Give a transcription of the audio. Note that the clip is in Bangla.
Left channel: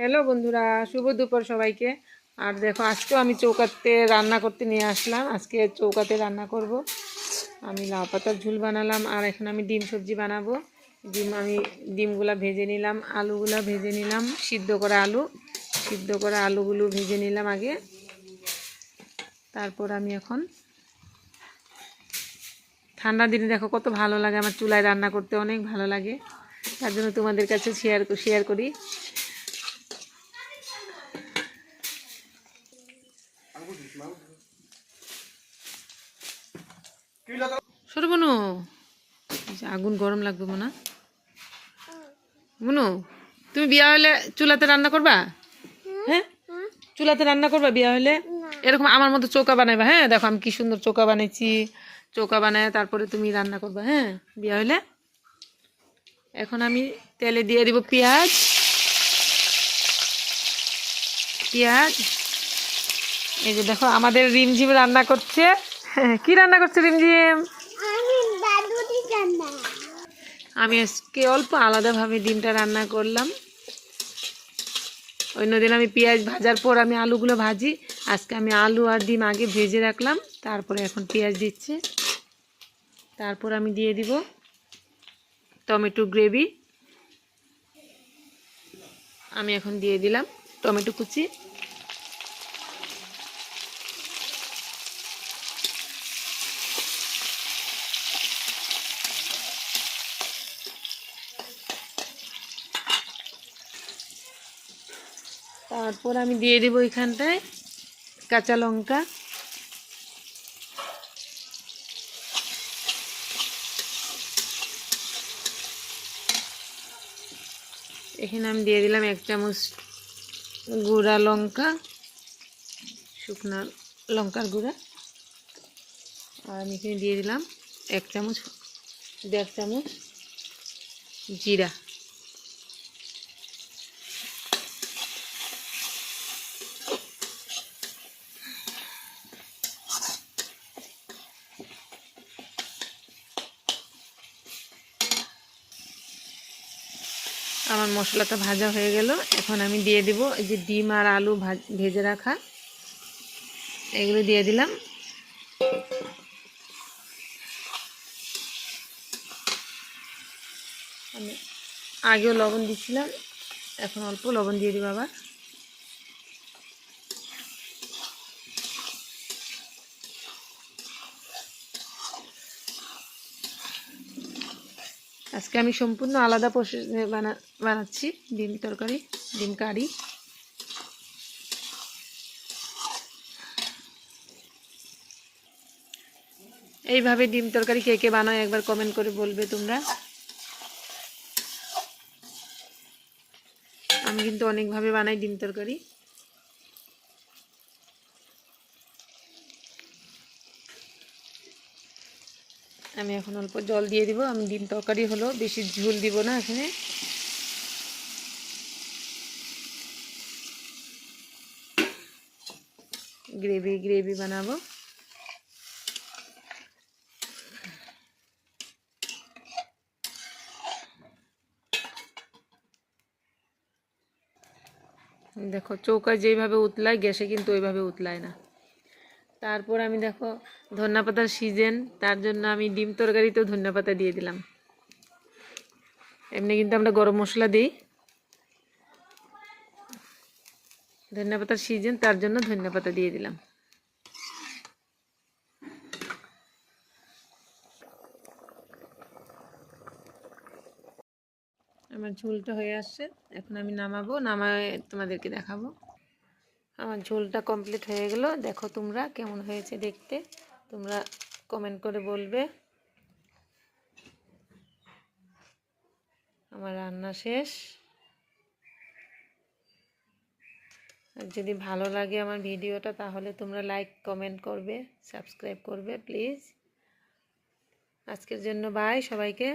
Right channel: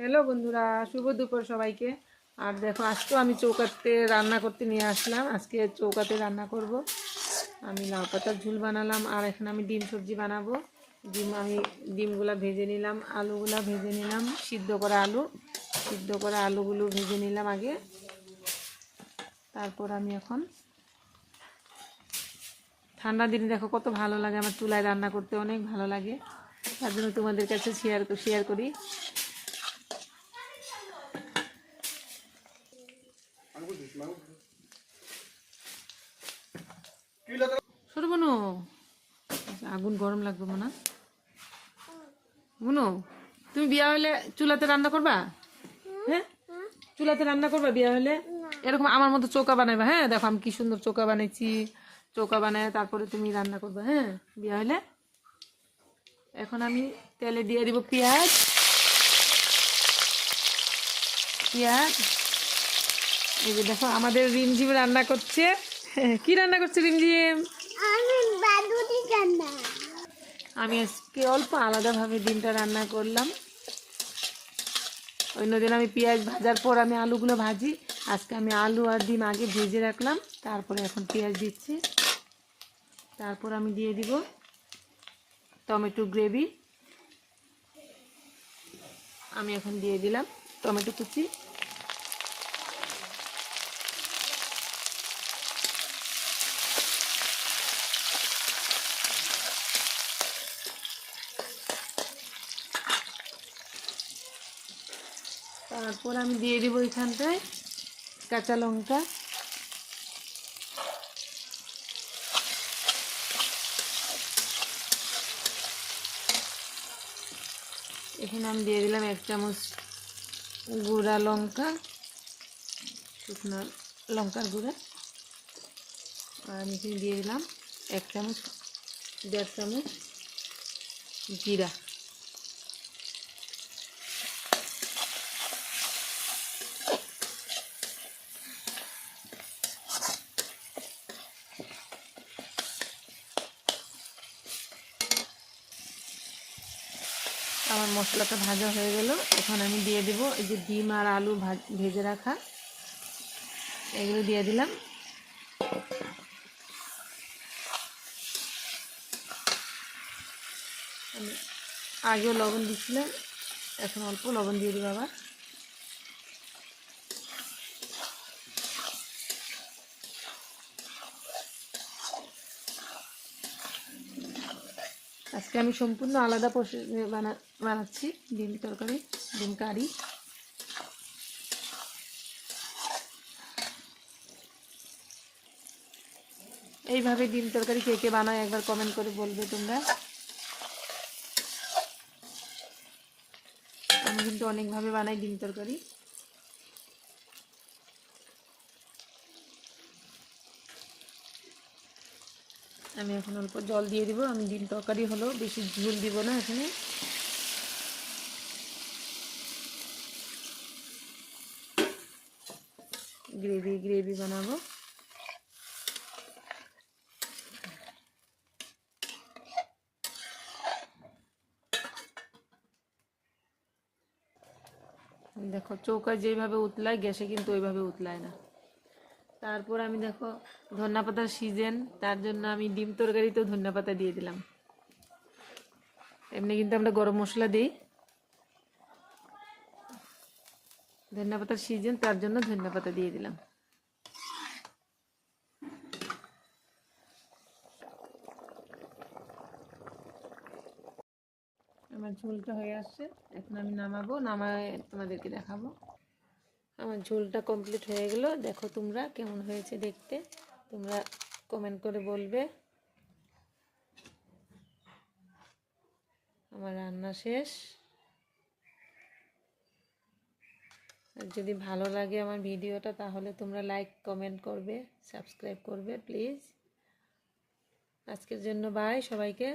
হ্যালো বন্ধুরা, শুভ দুপুর সবাইকে। আর দেখো, আজকেও আমি চৌকাতে রান্না করতে নিয়ে আসলাম। আজকে চৌকাতে রান্না করব। আমি লাউ পাতার ঝোল বানালাম, আর এখন আমি ডিম সবজি বানাবো। ডিমগুলা ভেজে নিলাম, আলুগুলা ভেজে নিলাম, সিদ্ধ করা আলুগুলো ভেজে নিলাম আগে। তারপর আমি এখন ঠান্ডা দিনে দেখো কত ভালো লাগে, আমার চুলায় রান্না করতে অনেক ভালো লাগে। তার জন্য তোমাদের কাছে শেয়ার করি। সরো বনু, আগুন গরম লাগবে মনে। বনু, তুমি বিয়া হলে চুলাতে রান্না করবা? হ্যাঁ, চুলাতে রান্না করবা বিয়া হলে? এরকম আমার মতো চৌকা বানাইবা। হ্যাঁ, দেখো আমি কি সুন্দর চৌকা বানাইছি। চৌকা বানায় তারপরে তুমি রান্না করবা, হ্যাঁ, বিয়া হলে। এখন আমি তেলে দিয়ে দিব পেঁয়াজ। এই যে দেখো আমাদের রিমঝিম রান্না করছে। কি রান্না করছে রিমঝিম? আমি আজকে অল্প আলাদাভাবে ডিমটা রান্না করলাম। অন্যদিন আমি পেঁয়াজ ভাজার পর আমি আলুগুলো ভাজি। আজকে আমি আলু আর ডিম আগে ভেজে রাখলাম, তারপরে এখন পেঁয়াজ দিচ্ছি। তারপর আমি দিয়ে দিব টমেটো গ্রেভি। আমি এখন দিয়ে দিলাম টমেটো কুচি। তারপর আমি দিয়ে দিব এখানটায় কাঁচা লঙ্কা। এখানে আমি দিয়ে দিলাম 1 চামচ গুঁড়া লঙ্কা, শুকনো লঙ্কার গুঁড়া। আর আমি এখানে দিয়ে দিলাম 1.5 চামচ জিরা। আমার মশলাটা ভাজা হয়ে গেল। এখন আমি দিয়ে দিব এই যে ডিম আর আলু ভেজে রাখা, এগুলো দিয়ে দিলাম। আমি আগেও লবণ দিচ্ছিলাম, এখন অল্প লবণ দিয়ে দিব আবার। আজকে আমি সম্পূর্ণ আলাদা প্রসেসে বানাচ্ছি ডিম তরকারি, ডিম কারি। এইভাবে ডিম তরকারি কে কে বানায় একবার কমেন্ট করে বলবে তোমরা। আমি কিন্তু অনেকভাবে বানাই ডিম তরকারি। আমি এখন অল্প জল দিয়ে দিব। আমি ডিম তরকারি হলো, বেশি ঝোল দিব না এখানে। গ্রেভি বানাবো। দেখো চৌকায় যেইভাবে উতলায়, গ্যাসে কিন্তু ওইভাবে উতলায় না। তারপর আমি দেখো ধনিয়া পাতার সিজন, তার জন্য আমি ডিম তরকারিতেও ধনিয়া পাতা দিয়ে দিলাম। এমনি কিন্তু আমরা গরম মশলা দিই, ধনিয়া পাতার সিজন, তার জন্য ধনিয়া পাতা দিয়ে দিলাম। আমার ঝোলটা হয়ে আসছে, এখন আমি নামায় তোমাদেরকে দেখাবো। আমার ঝোলটা কমপ্লিট হয়ে গেল। দেখো তোমরা কেমন হয়েছে দেখতে, তোমরা কমেন্ট করে বলবে। আমার রান্না শেষ। আর যদি ভালো লাগে আমার ভিডিওটা, তাহলে তোমরা লাইক কমেন্ট করবে, সাবস্ক্রাইব করবে প্লিজ। আজকের জন্য বাই সবাইকে।